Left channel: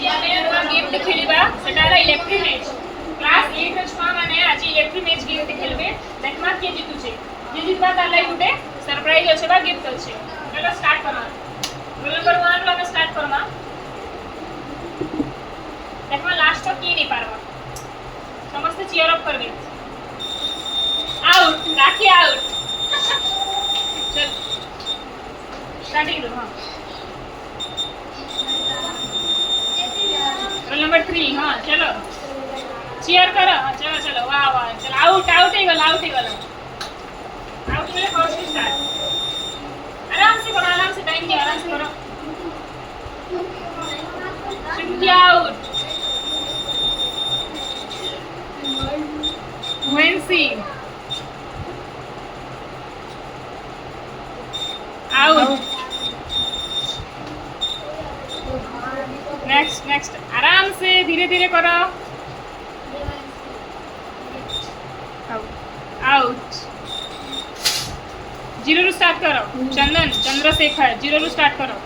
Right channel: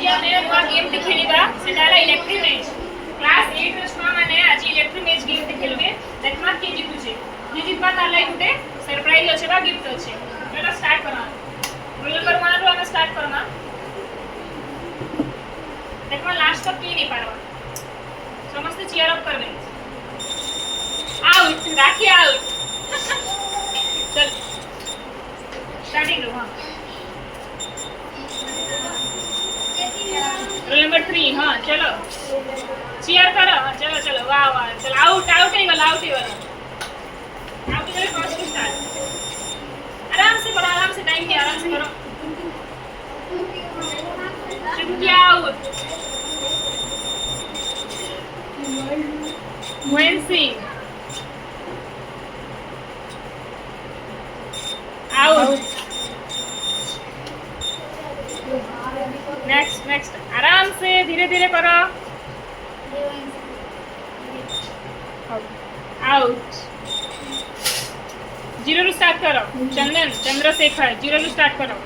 आज आमे नवा गेम खेलिबा सेटा इलेक्ट्रिक मैच क्लास 8 रो छुआ माने आज इलेक्ट्रिक मैच गेम खेलबे देखमा के जीतु छे जे जीतबा तार लाई गुटे सरप्राइज अछि बा गिफ्ट अछि चलो स्टार्ट करमा रोल नंबर 1 रो हम स्टार्ट करमा देखमा लास्ट तक के नहीं पारबा समस्त चीयर अप करबे आउट राखी आउट चल स्टार्टिंग रो हां रोल नंबर 3 हां चलो चीयर करो चलो चलो वाह वाह चल आउट आउट ही गला फर्स्ट स्टार्ट आराम से टाइम दिया आराम से करो Chinki out Vensi out next आराम से धीरे धीरे करो आउट जीरो रू स्टार्ट करो चंद्रशेखर जीरो रू स्टार्ट करो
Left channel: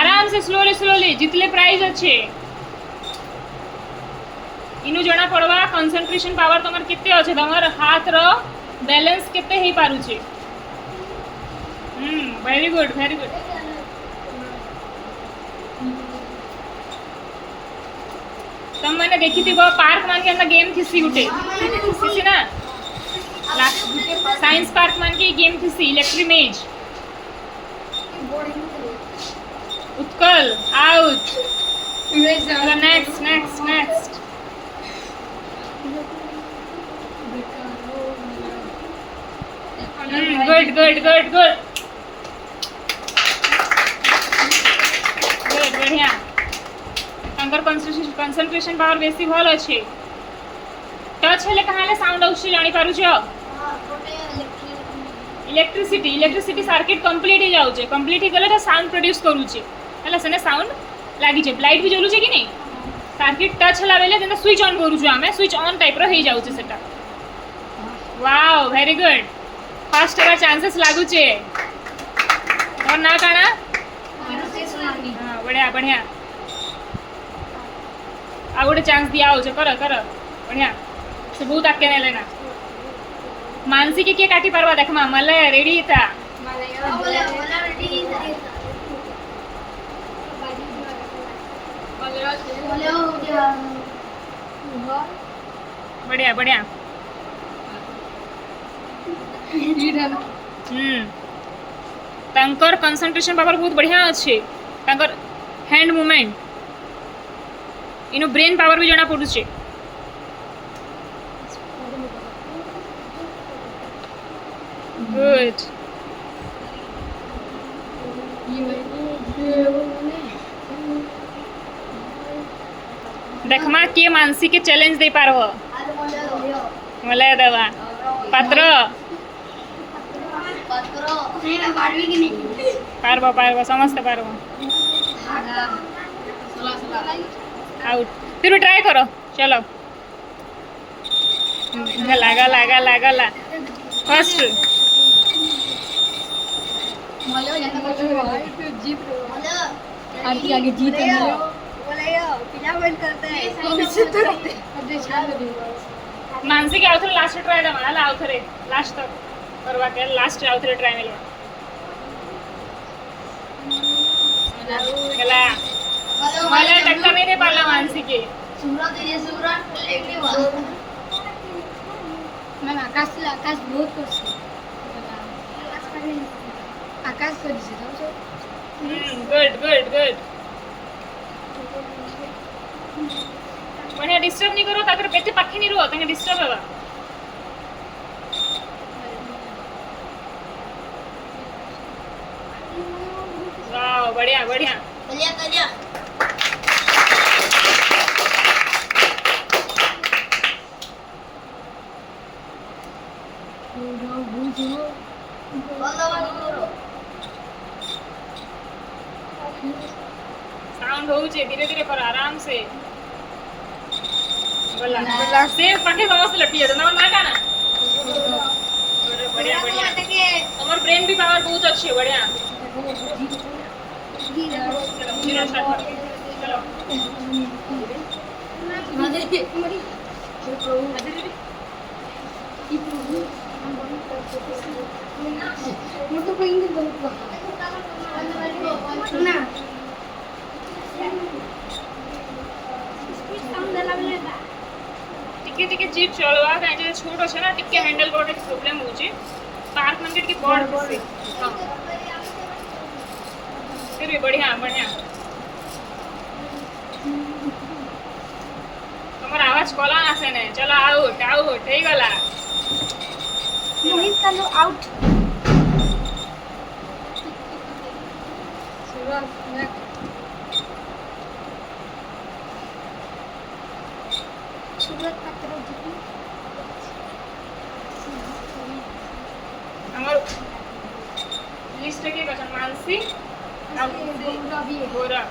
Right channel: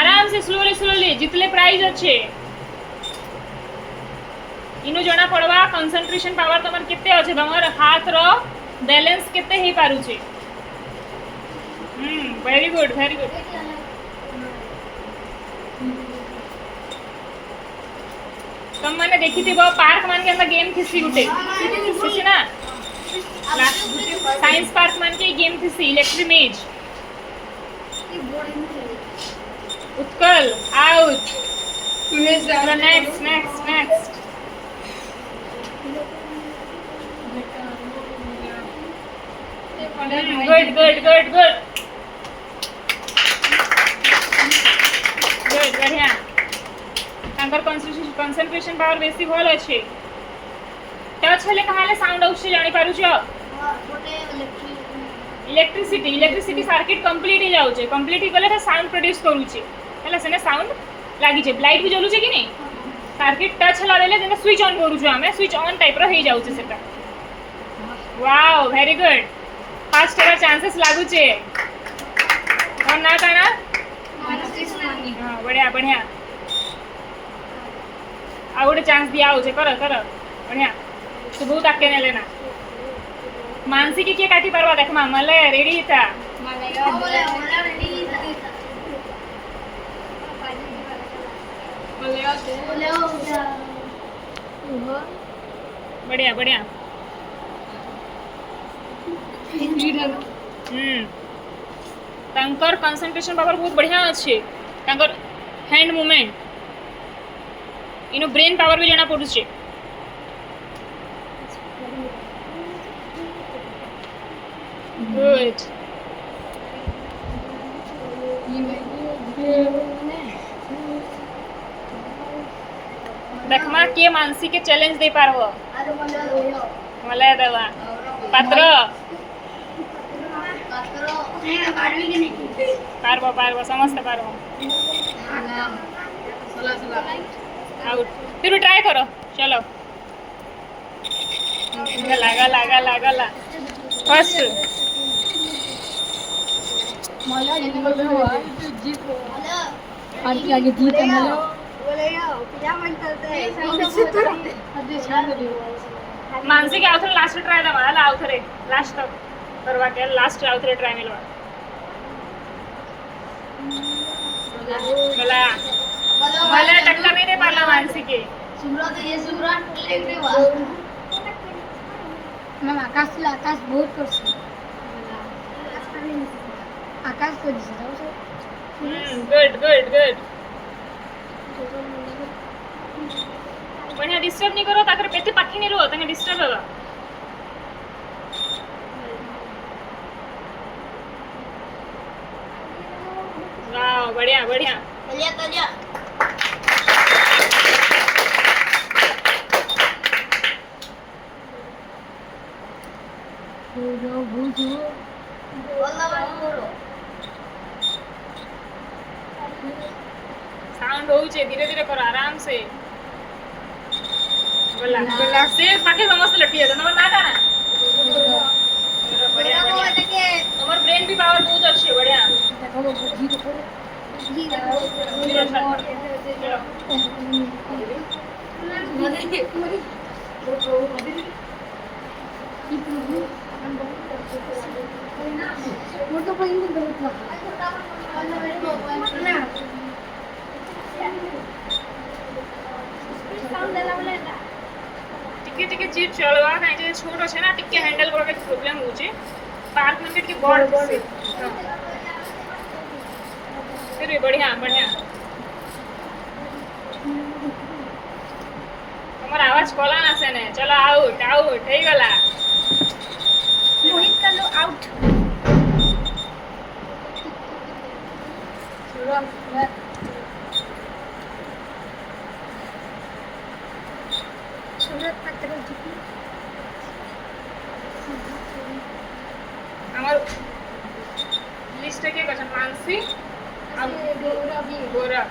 आराम से स्लोली जितले प्राइज अच्छे इनु जना पड़वा कंसंट्रेशन पावर तमर केते अच्छे तमर हाथ रो बैलेंस केते हे पारु छे वेरी गुड तुम मैंने देखी थी वो पार्क मान के अंदर गेम थी गुटे थी ना साइंस पार्क मान के गेम थी इलेक्ट्रिक मेज उत्कल आउट नेक्स्ट गुड बढ़िया तांकर कंसंट्रेशन पावर बेसी भल अच्छे टच हेले कहाले साउंड आउछ जानि पारु छ इलेक्ट्रिसिटी सर्किट कंप्लीट हो जाउ छे कंप्लीट ही गले साउंड प्रोड्यूस करू छे हला सने साउंड लागी छे लाइट भी जलू छे कि नहीं सर्किट टच हला बेले जेना स्विच ऑन करू छु हमें स्विच ऑन टाइप रो हे जाउ छे सेटा wow very good first ever chances लागू छे और ना काना हां बढ़िया आ गोटे चांस दिया हो कर बढ़िया से बहुत आके ने लेना मानसी की के काटी परवा देख मा मले रेडी था बढ़िया तांकर कंसंट्रेशन पावर बहुत बढ़िया अच्छे तांकर हैंड मूवमेंट इनो ब्रेन पावर भी जना पड़ू छे गुड देखमा के मानसी के चैलेंज दे पारो मला दवा पात्र पारबो समझते पारबो आउट फिर ट्राई करो चलो गला फर्स्ट आगे जीत मानसी के आउथरे लास्ट ट्राई दमा आउथरे लास्ट तक करवा के लास्ट आउथरे ट्राई मिलवा मला टक्कर नहीं दे पाला मानसी के मैम आकाश बहुत करछी आकाश गुड बढ़िया डिस्टर्ब नहीं करो ताकर पेटे पाखी नहीं रहो ताके डिस्टर्ब होगा वाओ बढ़िया साउंड हो धीरे धीरे करो आराम से गला से पाके समस्त लटी है ना ना काना बढ़िया हमर ब्रेन भी पावर बहुत अच्छी है बढ़िया મોટો પૈકી દઉં ના टिके टिके जीप चलवा काहे जे छोटो છે ને टिके हैंडल करके प्रॉब्लम होचे पार्क मंदिर की बॉर्ड हां फिर भी बढ़िया बढ़िया તમારો આવાજ કોલા આસે ને ચલો આઉટ આઉટ થઈ ગલા મોહિત કાલો આઉટ સુરત પત્ર જીતી અમારું લિસ્ટ કે કશન માનસી ગોરા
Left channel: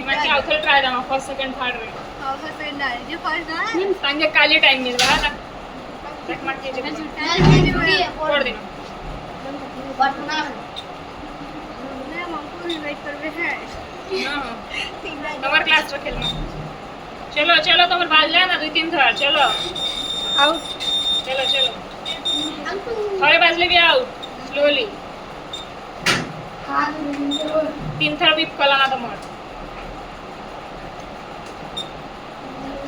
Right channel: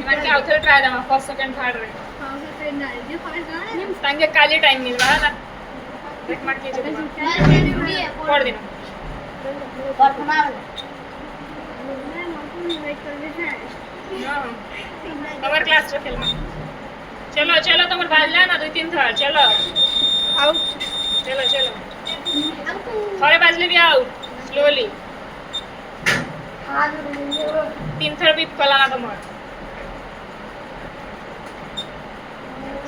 એમાં કે આવથલ ટ્રાય દા ફર્સ્ટ સેકન્ડ થર્ડ રે તાંગે કાલી ટાઈમ મિલવા ના એક માર કે જે કોડ દેનો તમાર ક્લાસ રखेल चलो चलो તમાર બાલ લે ના 2 3 થર્ડ ચલો આઉટ चलो चलो थोड़े बाजले भी आउट स्लोली હા 3 थर्ड भी कलाना તમાર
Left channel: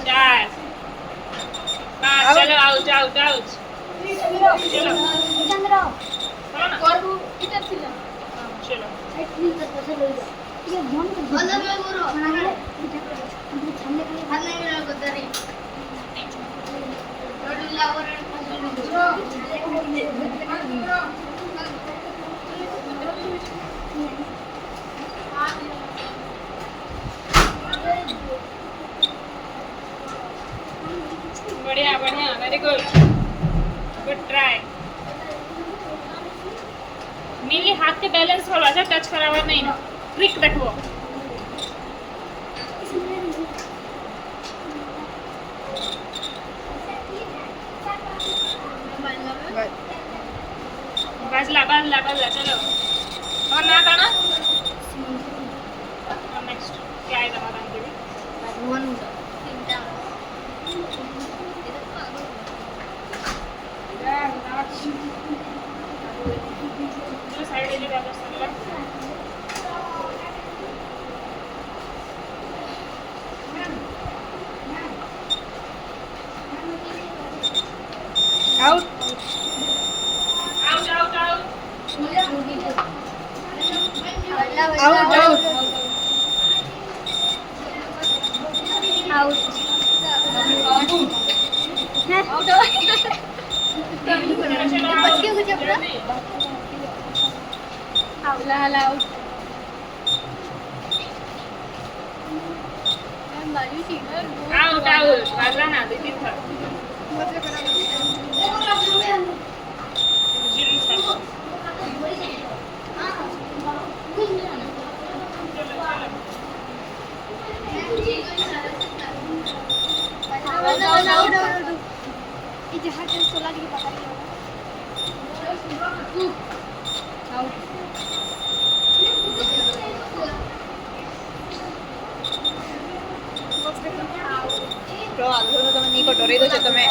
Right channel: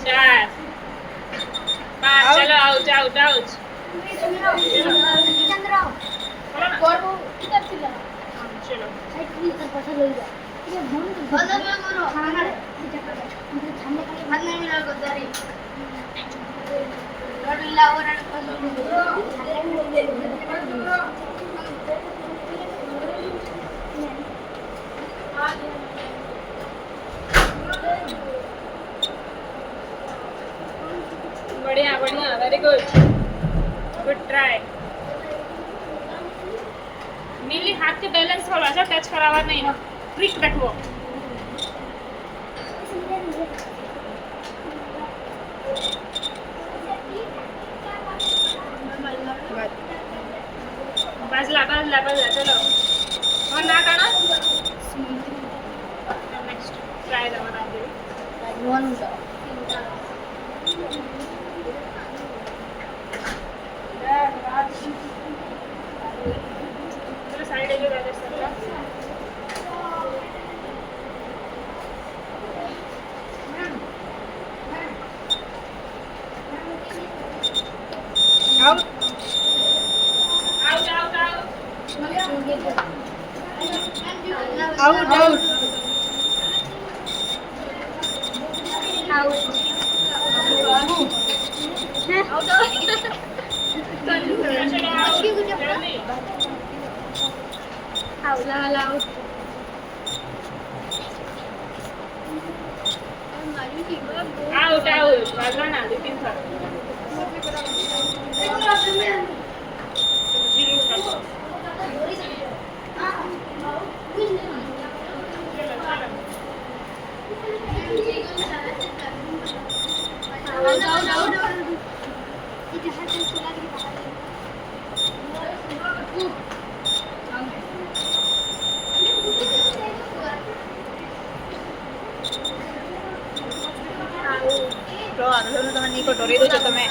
4 5 चलो आउट आउट आउट चलो ચંદ્ર કોરબુ કિતર થી લા चलो સાઈડ થી પછી લઈ જા ये फोन कर बोलो मैं बोलो हां सामने खाली हाथ नहीं मिला गुजारी रोड लाओ रण बढ़िया बढ़िया very good good try mainly हाथ के बैलेंस थोड़ा सा टच करावा नहीं ना क्विक रखो बाजला बाजला बाजला चलो और ना करना नेक्स्ट ट्राई दवाना के वन चलो साइड ले Raja sir out out out out out out out out out बाजला ना 2 3 थर्ड जीरो चलो તો આગળ તમે નહીં કટોરી દો છો તમે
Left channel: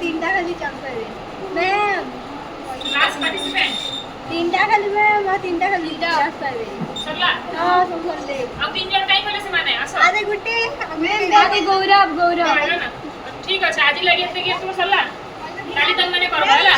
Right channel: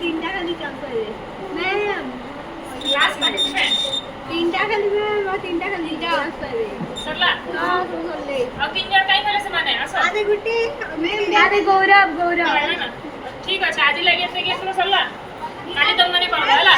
तीनटा खाली लास्ट पार्टिसिपेंट तीनटा खाली तीनटा खाली सरला अब 3 जण काय केलं समाने असं अरे गुट्टे आम्ही गौरव कळलं ना ठीक आहे आधी लगेच ते घेतो सरला खाली दम नाही पडवा